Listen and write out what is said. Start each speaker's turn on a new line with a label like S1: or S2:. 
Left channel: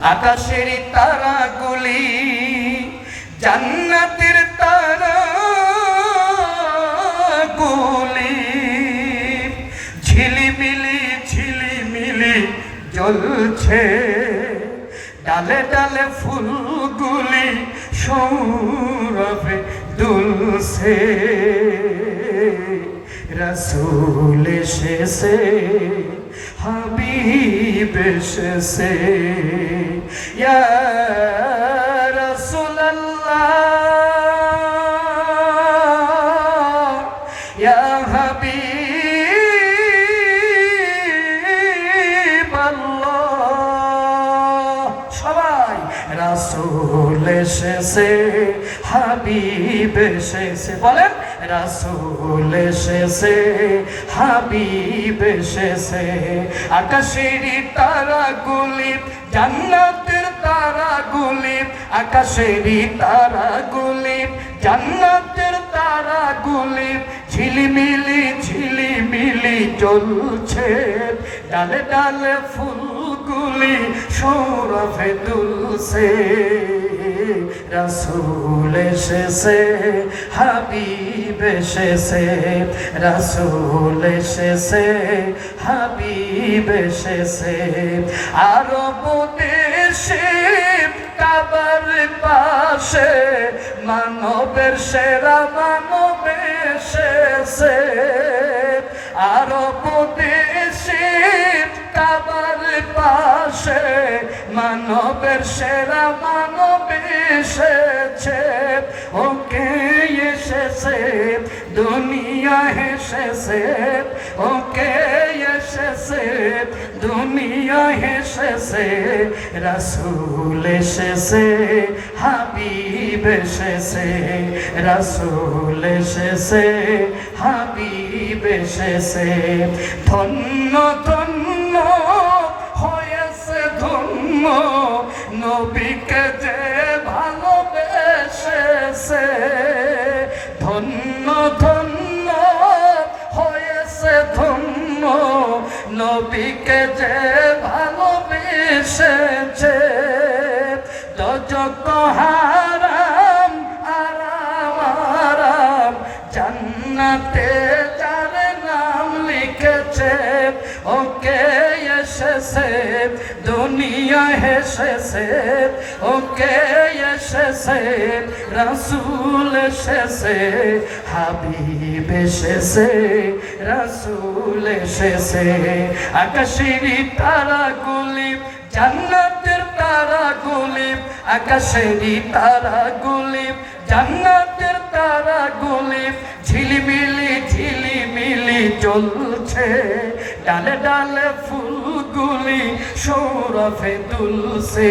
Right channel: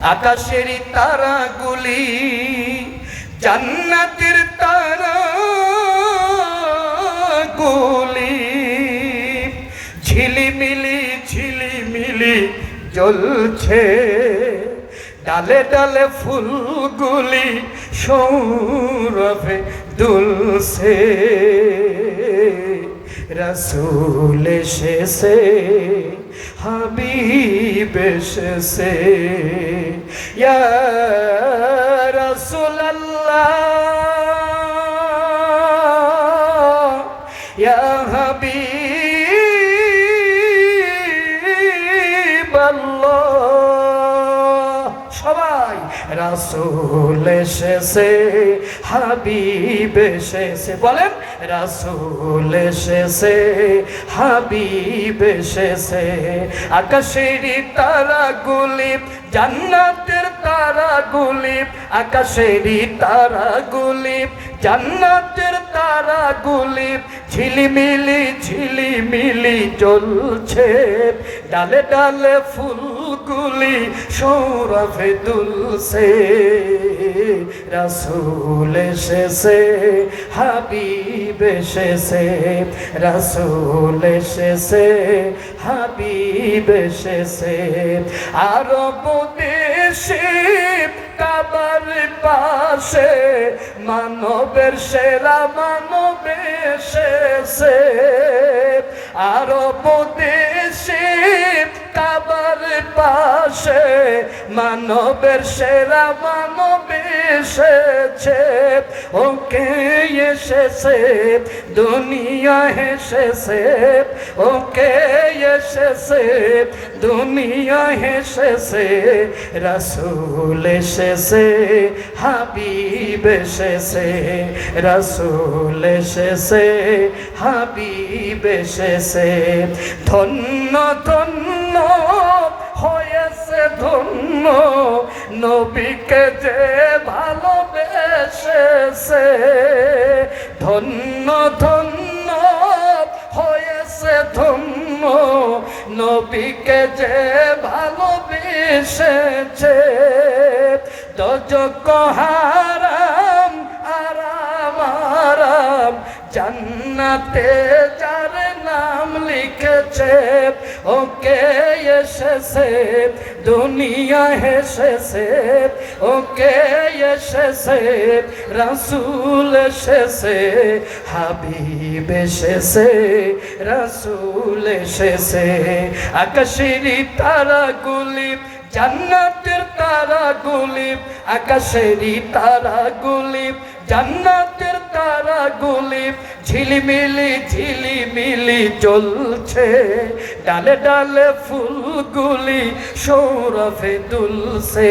S1: আকাশের তারাগুলি জান্নাতের তারাগুলি। ঝিলিমিলি ঝিলিমিলি জ্বলছে। ডালে ডালে ফুলগুলি সৌরভে দুলছে। রসুল এসেছে, হাবিব এসেছে। হাবিবাল্লাহ। এসেছে হাবিব বলেন রাসূল এসেছে হাবিব এসেছে। আকাশের তারাগুলি জান্নাতের আকাশের তারাগুলি, জান্নাতের তারাগুলি, ঝিলিমিলি ঝিলিমিলি জ্বলছে ডালে ডালে ফুলগুলি সৌরভে দুলছে রাসুল এসেছে, হাবিব এসেছে। রাসুল এসেছে, হাবিব এসেছে। আরব দেশে পাশে মানবের সেরা মানব এসেছে। আরব দেশে কাবার পাশে মানবের সেরা মানব এসেছে। ওকে এসেছে, দুনিয়া এসেছে ওকে এসেছে, দুনিয়া এসেছে রসুল এসেছে, হাবিব এসেছে, রসুল এসেছে, হাবিব এসেছে। ধন্য ধন্য হয়েছে, ধন্য নবীকে যে ভালোবেসেছে। ধন্য ধন্য নবীকে যে ভালোবেসেছে দজক হারাম আরাম জান্নাতে তার নাম লিখেছে, ওকে এসেছে, দুনিয়া এসেছে ওকে এসেছে, রাসুল এসেছে, হাবিব এসেছে, রাসুল এসেছে। আকাশের তারাগুলি, জান্নাতের তারাগুলি, আকাশের তারাগুলি, জান্নাতের তারাগুলি, ঝিলিমিলি ঝিলিমিলি জ্বলছে ডালে ডালে ফুলগুলি সৌরভে দুলছে।